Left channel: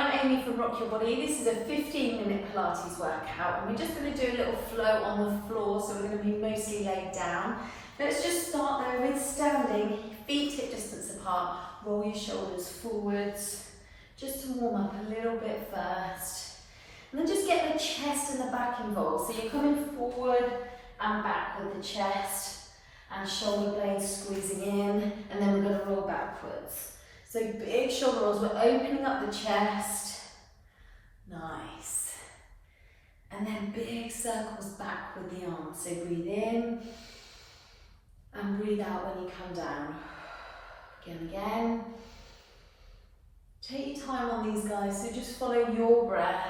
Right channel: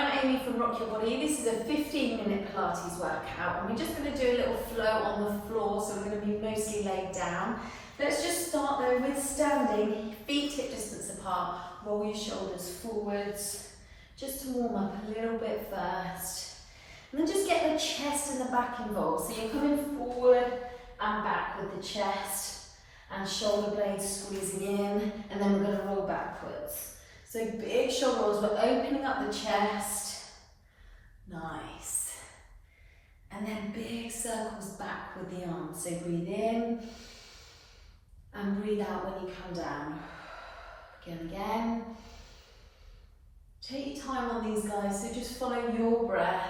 I'm Amy from Rock Your Body. This is a 15-minute Pilates workout and we're just going to do a little flow on the floor, so we're going to be mostly laid down. Let's just start though with standing, feet hip distance apart, roll your shoulders forwards, just to warm up a little bit first. And then just get the chest and the back involved, so you're coming forward and back with the chest and shoulder blades squeezing in, and then we're going to roll backwards. So big shoulder rolls, we're opening up the chest, nice. And then big circles back with the arms. So breathe in and breathe out when you come down. Again. Take your time on these guys, so just follow your breath.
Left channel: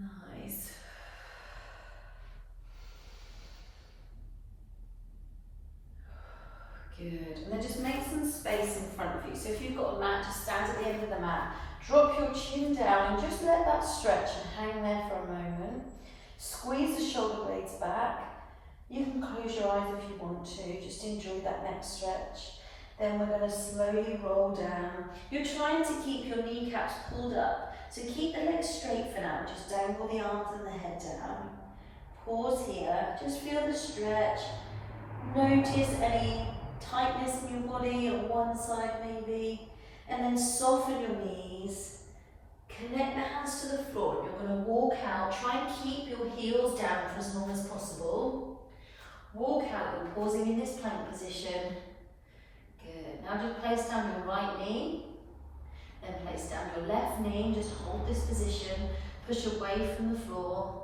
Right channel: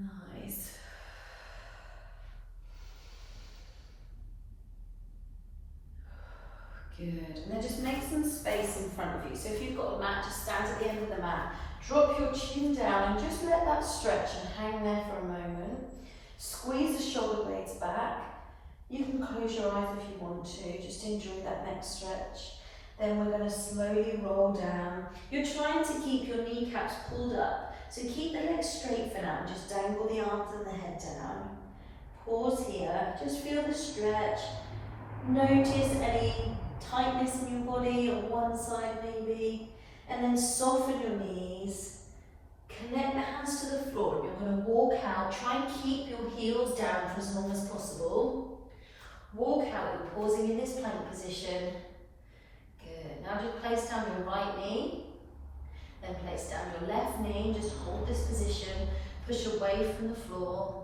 Nice. Good, and then just make some space in front of you. So if you've got a mat, just stand at the end of the mat. Drop your chin down and just let that stretch and hang there for a moment. Squeeze the shoulder blades back. You can close your eyes if you want to, just enjoy that next stretch. Then we're going to slowly roll down. You're trying to keep your kneecaps pulled up, so keep the legs straight for now. Just dangle the arms and the head down. Pause here, just feel the stretch. Notice any tightness in your body on one side maybe, and then soften your knees, connect the hands to the floor, and you're going to walk out. Try and keep your heels down for as long as possible. Walk out and pausing in this plank position. Good. Now just place down your right knee, then place down your left knee, just hold this position, push away from the floor.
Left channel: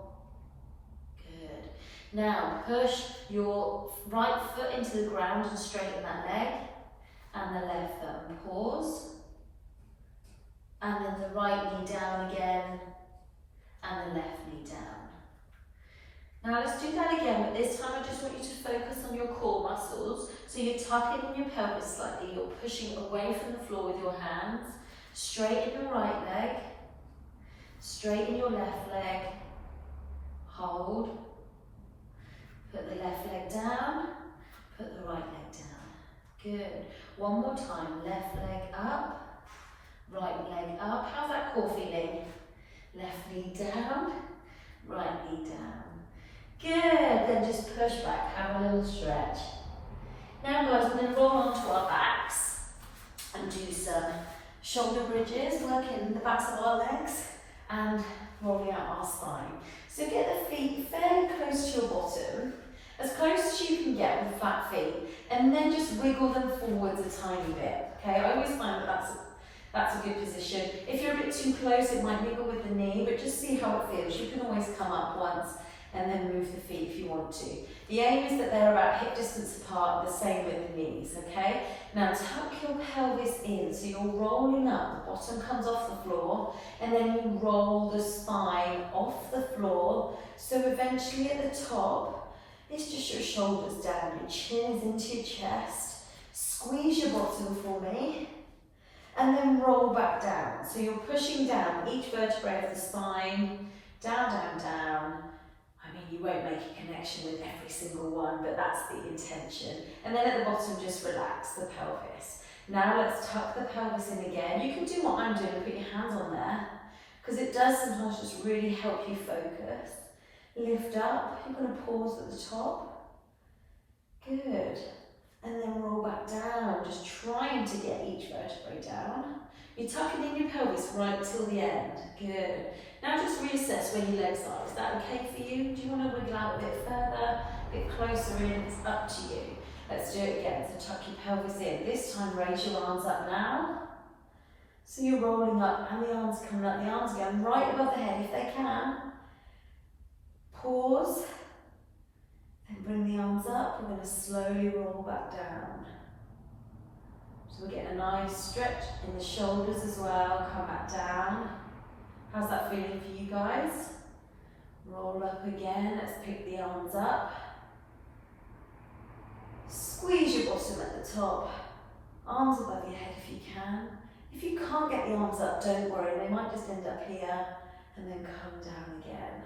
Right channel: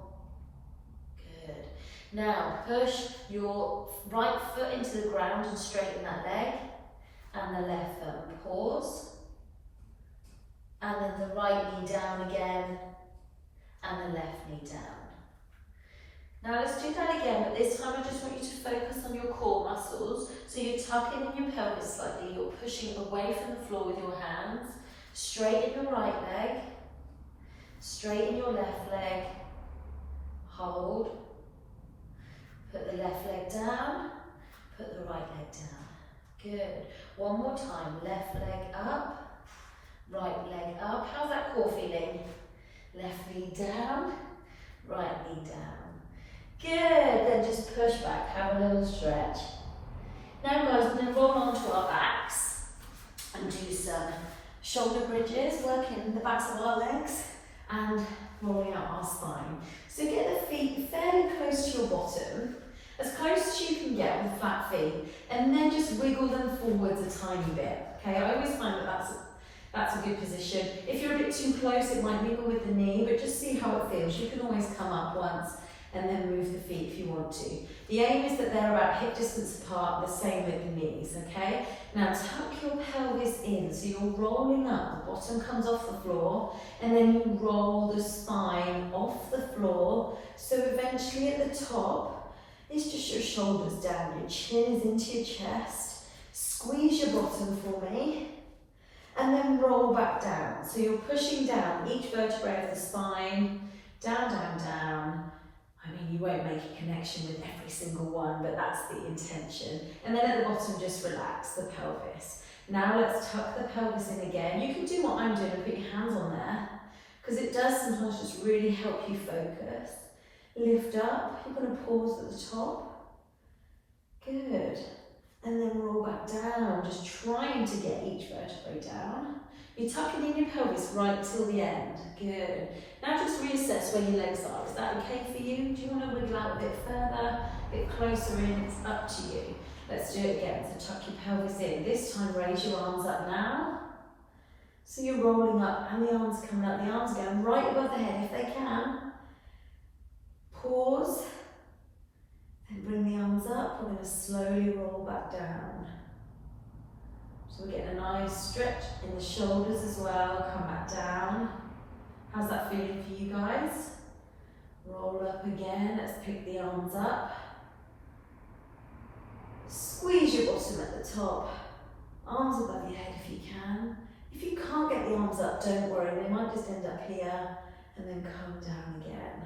Now push your right foot into the ground and straighten that leg, and the left foot. Pause, and then the right knee down again, and the left knee down. Now let's do that again, but this time I just want you to focus on your core muscles. So you're tucking in your pelvis slightly, you're pushing away from the floor with your hands. Straighten your right leg, straighten your left leg, hold. Put the left leg down, put the right leg down. Good. One more time. Left leg up, right leg up. How's that core feeling? Left knee down, right knee down. Good. Then just push back. Have a little stretch. Now guys, we're going to roll onto our backs and do some shoulder bridges, working the backs of our legs and rolling out our spine. So get the feet fairly close to your bottom, as close as you can get with flat feet, and then just wiggle them forwards a tiny bit. Okay, I always find that that's a good position. If you're a bit too close, it might wiggle with the knee, but just see how it feels. You can always come up once and then move the feet if you want to. The aim is that they're about hip distance apart, the same with the knees, okay? Now tuck your pelvis in, so you're rolling up, the bottom comes off the floor, and then you roll the spine off the floor, so eventually at the top, it's just your shoulders down, your chin is into your chest, squeeze your bottom for me, and then roll back down. So you're pushing down each vertebrae of the spine, down, down, down. I mean, you won't make a connection with every single one, but that's the intention. And then at the bottom, just relax the pelvis. Now let's tuck the pelvis in again. You can do what I'm doing and put your hands on there, because it does sometimes just really help you focus. Lift up, you're going to pause at the top. Good. And then roll back down, just trying to get each vertebrae down. You're tucking in your pelvis right till the end. Good. Now just reassess where your legs are. Is that okay for you? Do you want to wiggle out a bit further, a bit closer in? It's up to you. Let's do it again. So tuck your pelvis in. This time raise your arms up now. So you're rolling up and the arms coming up. The arms going right above the head if they can. Pause, and bring the arms up. We're going to slowly roll back down. So we're getting a nice stretch in the shoulders as well. Come back down. How's that feeling for you guys? Roll up again. Let's pick the arms up. Squeeze your bottom at the top. Arms above your head if you can. If you can't get the arms up, don't worry. They might just end up here and then come down again.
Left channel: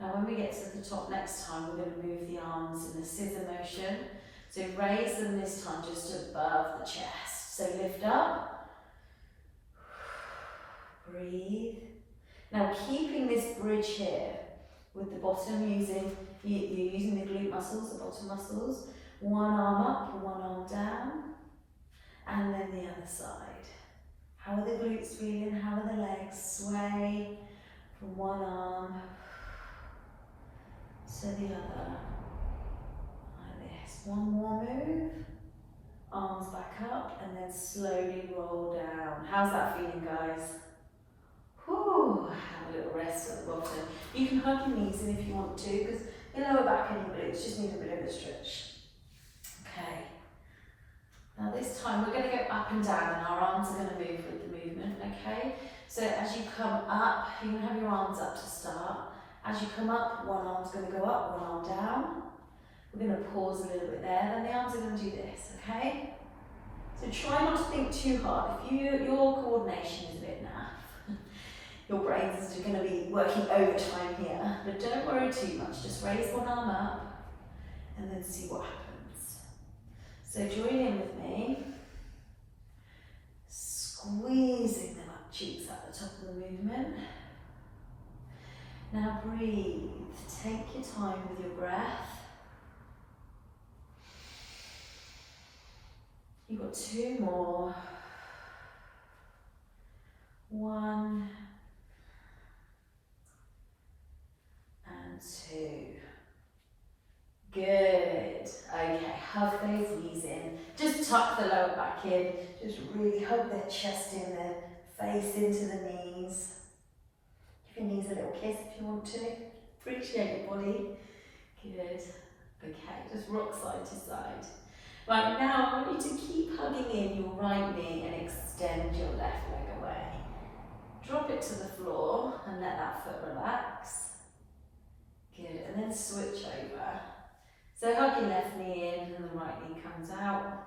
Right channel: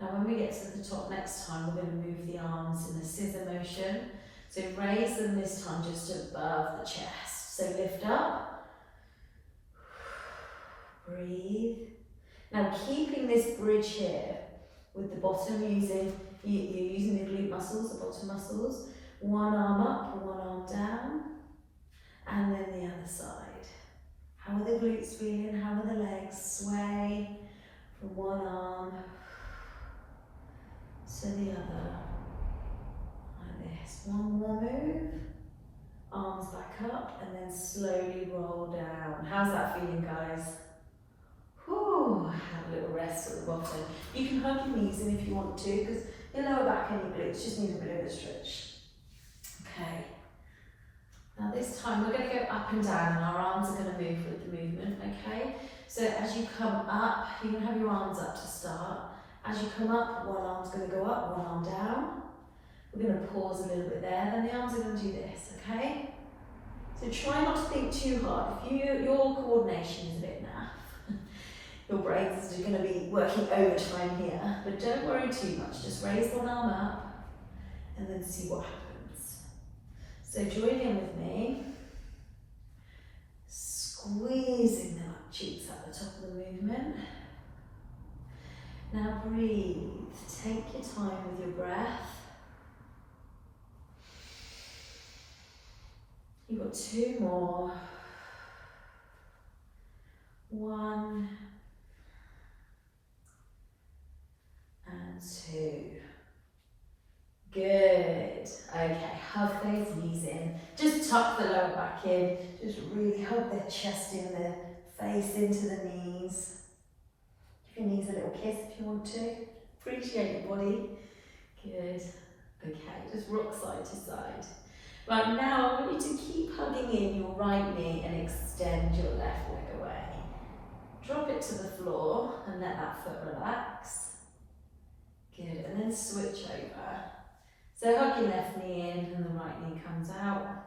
Now when we get to the top next time, we're going to move the arms in a scissor motion. So raise them this time just above the chest. So lift up, breathe. Now keeping this bridge here with the bottom, you're using the glute muscles, the bottom muscles. One arm up, one arm down, and then the other side. How are the glutes feeling? How are the legs? Sway from one arm to the other, like this. One more move, arms back up, and then slowly roll down. How's that feeling, guys? Whew, have a little rest at the bottom. You can hug your knees in if you want to, because the lower back and your glutes just need a bit of a stretch. Okay. Now this time we're going to go up and down, and our arms are going to move with the movement, okay? So as you come up, you're going to have your arms up to start. As you come up, one arm's going to go up, one arm down. We're going to pause a little bit there, then the arms are going to do this, okay? So try not to think too hard. If your coordination is a bit naff, your brains are going to be working overtime here, but don't worry too much. Just raise one arm up and then see what happens. So join in with me, squeezing the butt cheeks at the top of the movement. Now breathe, take your time with your breath. You've got two more. One and two. Good. Okay, hug those knees in. Just tuck the lower back in. Just really hug the chest in, the face into the knees. Give your knees a little kiss if you want to. Appreciate your body. Good. Okay, just rock side to side. Right, now I want you to keep hugging in your right knee and extend your left leg away. Drop it to the floor and let that foot relax. Good, and then switch over. So hug your left knee in and the right knee comes out.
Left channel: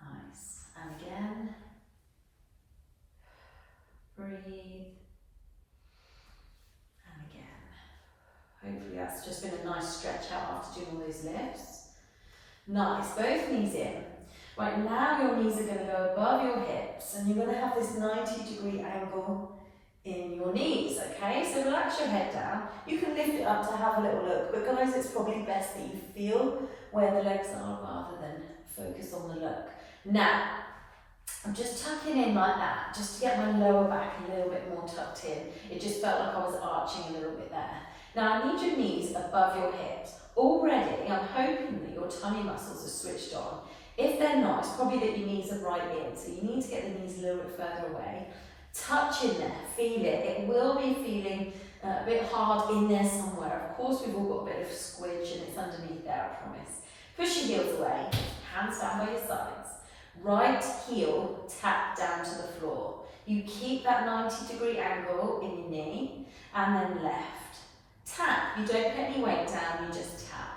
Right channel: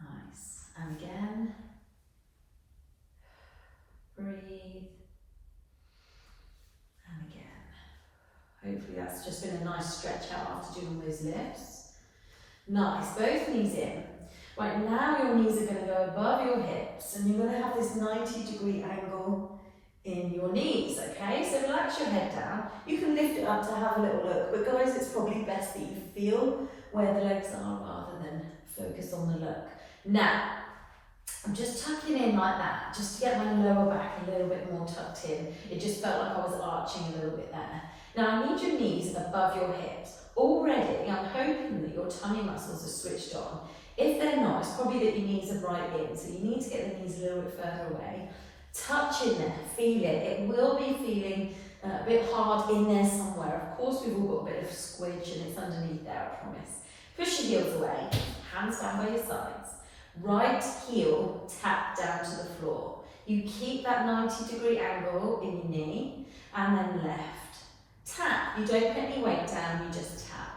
Nice, and again. Breathe. And again. Hopefully that's just been a nice stretch out after doing all those lifts. Nice, both knees in. Right, now your knees are going to go above your hips and you're going to have this 90-degree angle in your knees, okay? So relax your head down. You can lift it up to have a little look, but guys, it's probably best that you feel where the legs are rather than focus on the look. Now, I'm just tucking in like that, just to get my lower back a little bit more tucked in. It just felt like I was arching a little bit there. Now I need your knees above your hips. Already, I'm hoping that your tummy muscles are switched on. If they're not, it's probably that your knees are right in, so you need to get the knees a little bit further away. Touch in there, feel it. It will be feeling a bit hard in there somewhere. Of course, we've all got a bit of squidge and it's underneath there, I promise. Push your heels away, hands down by your sides. Right heel tap down to the floor. You keep that 90-degree angle in your knee, and then left. Tap, you don't put any weight down, you just tap.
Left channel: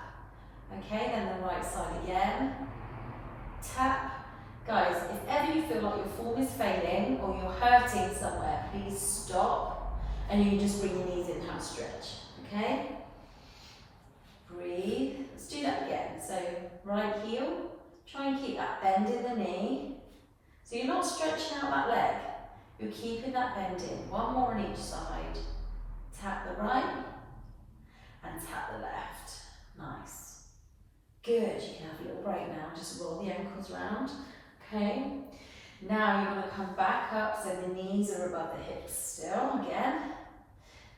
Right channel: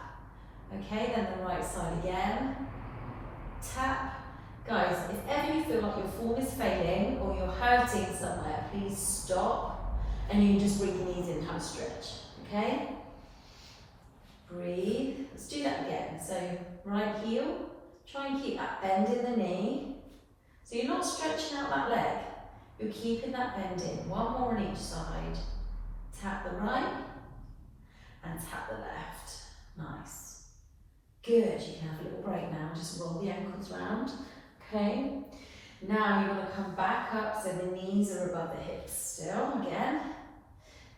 Okay, then the right side again. Tap. Guys, if ever you feel like your form is failing or you're hurting somewhere, please stop and you just bring your knees in, have a stretch, okay? Breathe. Let's do that again. So right heel, try and keep that bend in the knee. So you're not stretching out that leg, you're keeping that bend in. One more on each side. Tap the right and tap the left. Nice. Good, you can have a little break now, just roll the ankles round. Okay, now you want to come back up so the knees are above the hips still, again.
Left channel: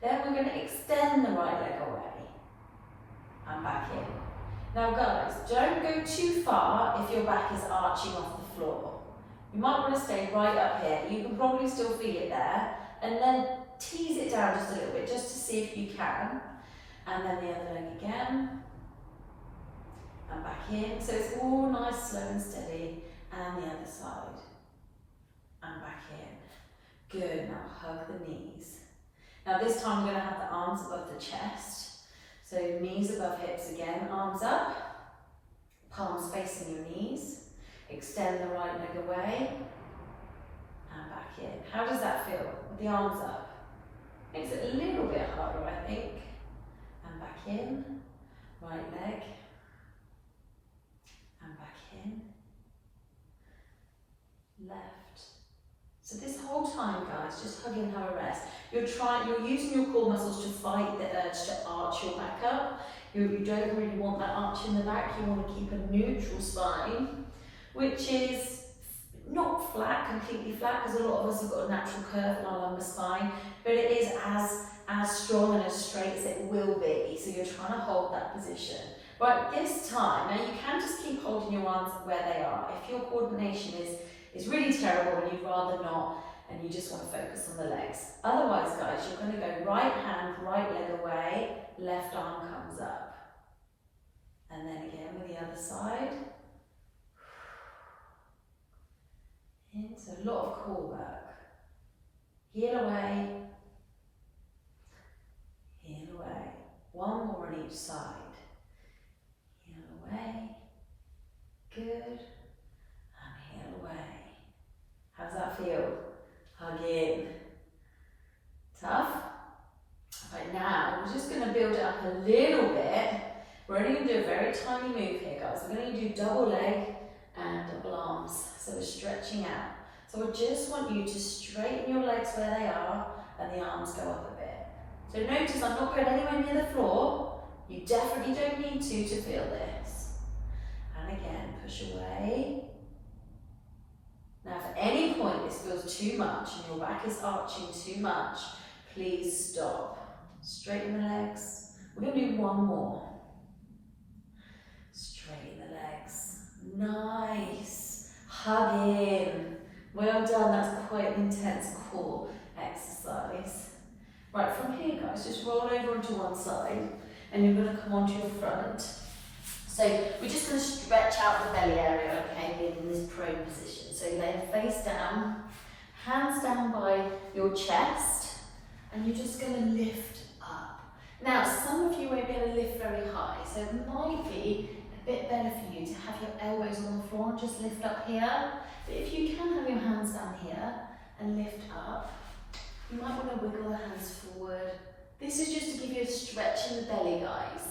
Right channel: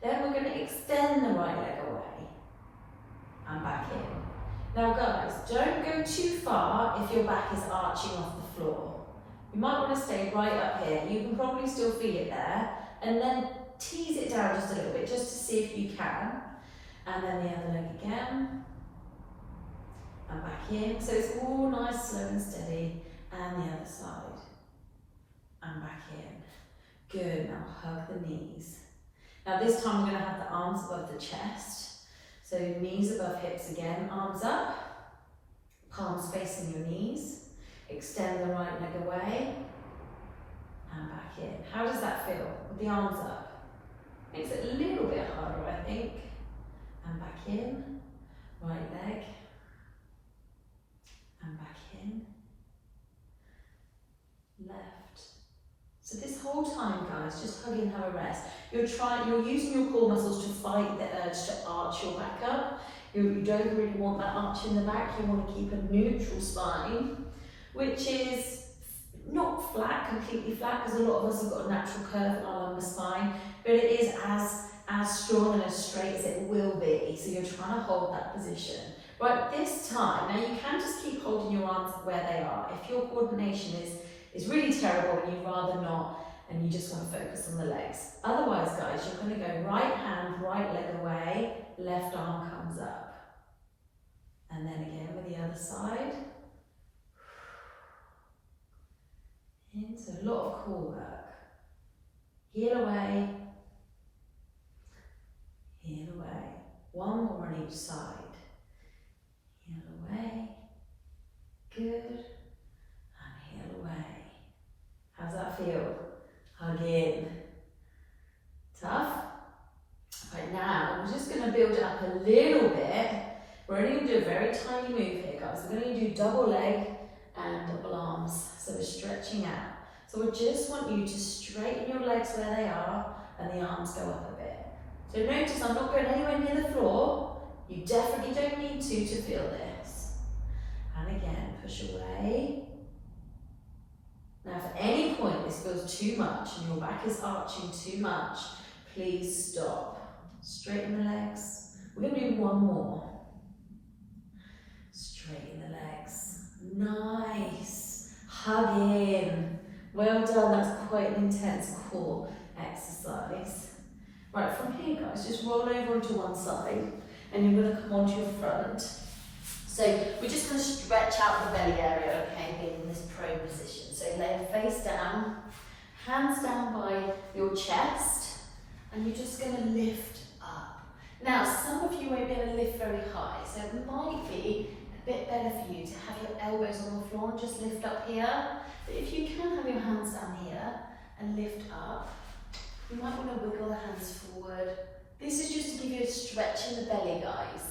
Then we're going to extend the right leg away and back in. Now guys, don't go too far if your back is arching off the floor. You might want to stay right up here. You can probably still feel it there. And then tease it down just a little bit, just to see if you can. And then the other leg again. And back in. So it's all nice, slow and steady. And the other side, and back in. Good, now hug the knees. Now this time we're going to have the arms above the chest. So knees above hips again, arms up, palms facing your knees. Extend the right leg away, and back in. How does that feel with the arms up? Makes it a little bit harder, I think. And back in, right leg, and back in. whole time, guys, just hug in, have a rest. You're using your core muscles to fight the urge to arch your back up. You don't really want that arch in the back. You want to keep a neutral spine, which is not flat, completely flat, because a lot of us have got a natural curve in our lumbar spine, but it is as strong and as straight as it will be. So you're trying to hold that position. Right, this time, now you can just keep holding your arms where they are. If your coordination is really terrible and you'd rather not, and you just want to focus on the legs. Otherwise, guys, you're going to go right hand, right leg away, left arm comes up. And then again with the other side. It's a lot of core work. Heel away, heel away. One more on each side. Heel away, good, and heel away. How's that feel? Hug in. Tough? Right, now we're just going to build it up a little bit. We're only going to do a very tiny move here, guys. We're going to do double leg and double arms. So we're stretching out. So I just want you to straighten your legs where they are and the arms go up a bit. So notice I'm not going anywhere near the floor. You definitely don't need to feel this. And again, push away. Now if at any point this feels too much and your back is arching too much, please stop. Straighten the legs. We're going to do one more. Straighten the legs. Nice. Hug in. Well done. That's quite an intense core exercise. Right, from here, guys, just roll over onto one side and you're going to come onto your front. So we're just going to stretch out the belly area, okay, being in this prone position. So leg face down, hands down by your chest, and you're just going to lift up. Now, some of you won't be able to lift very high, so it might be a bit better for you to have your elbows on the floor and just lift up here. But if you can have your hands down here and lift up, you might want to wiggle the hands forward. This is just to give you a stretch in the belly, guys.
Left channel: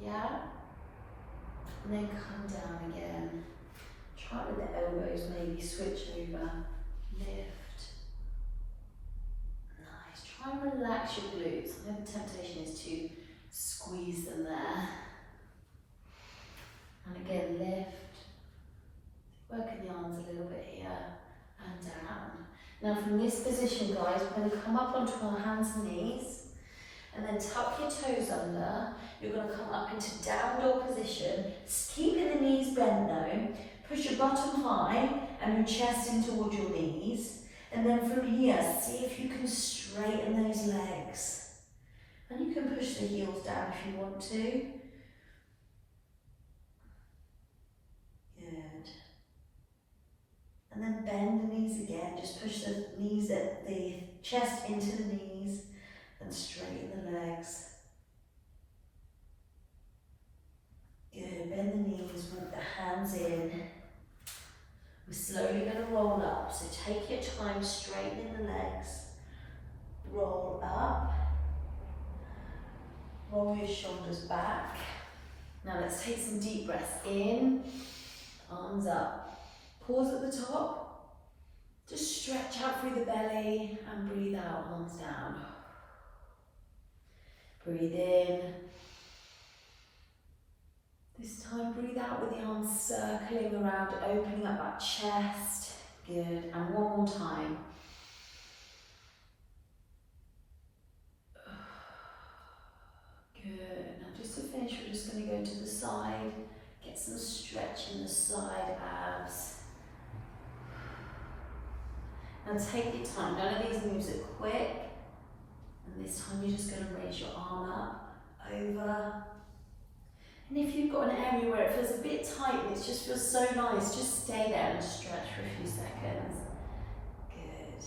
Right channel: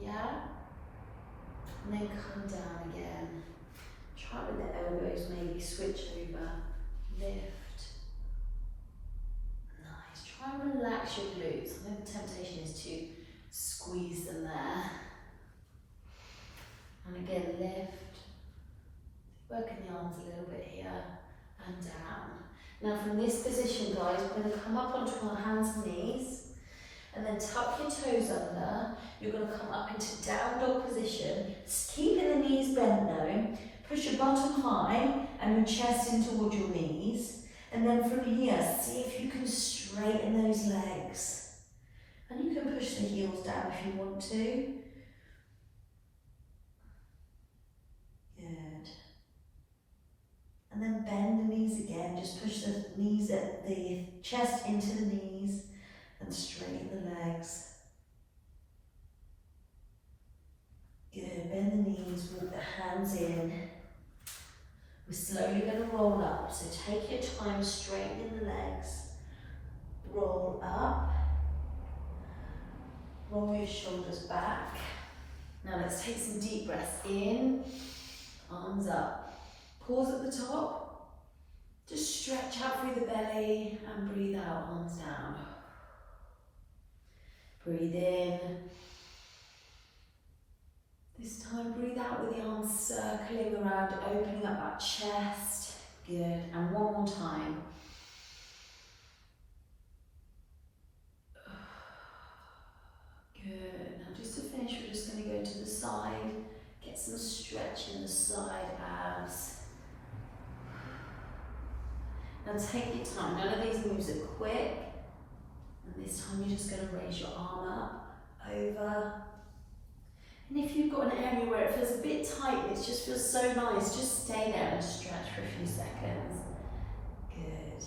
Yeah? And then come down again. Try with the elbows, maybe switch over. Lift. Nice. Try and relax your glutes. I know the temptation is to squeeze them there. And again, lift. Working the arms a little bit here and down. Now from this position, guys, we're going to come up onto our hands and knees and then tuck your toes under. You're going to come up into down dog position, keeping the knees bent though. Push your bottom high and your chest in toward your knees. And then from here, see if you can straighten those legs. And you can push the heels down if you want to. Good. And then bend the knees again, just push the knees at the chest into the knees and straighten the legs. Good, bend the knees, walk the hands in. We're slowly going to roll up, so take your time straightening the legs. Roll up, roll your shoulders back. Now let's take some deep breaths in, arms up. Pause at the top, just stretch out through the belly and breathe out, arms down. Breathe in. This time breathe out with the arms circling around, opening up that chest. Good, and one more time. Good, now just to finish we're just going to go to the side, get some stretch in the side abs. Now take your time, none of these moves are quick. And this time you're just going to raise your arm up, over. And if you've got an area where it feels a bit tight and it just feels so nice, just stay there and stretch for a few seconds. Good.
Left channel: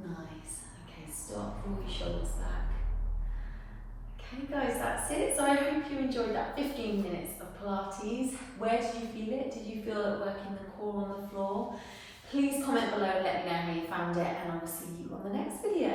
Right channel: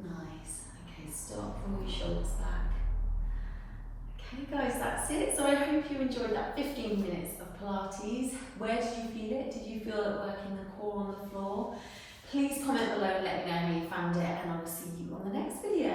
Nice. Okay, stop, roll your shoulders back. Okay guys, that's it. So I hope you enjoyed that 15 minutes of Pilates. Where did you feel it? Did you feel it working the core on the floor? Please comment below and let me know how you found it, and I will see you on the next video.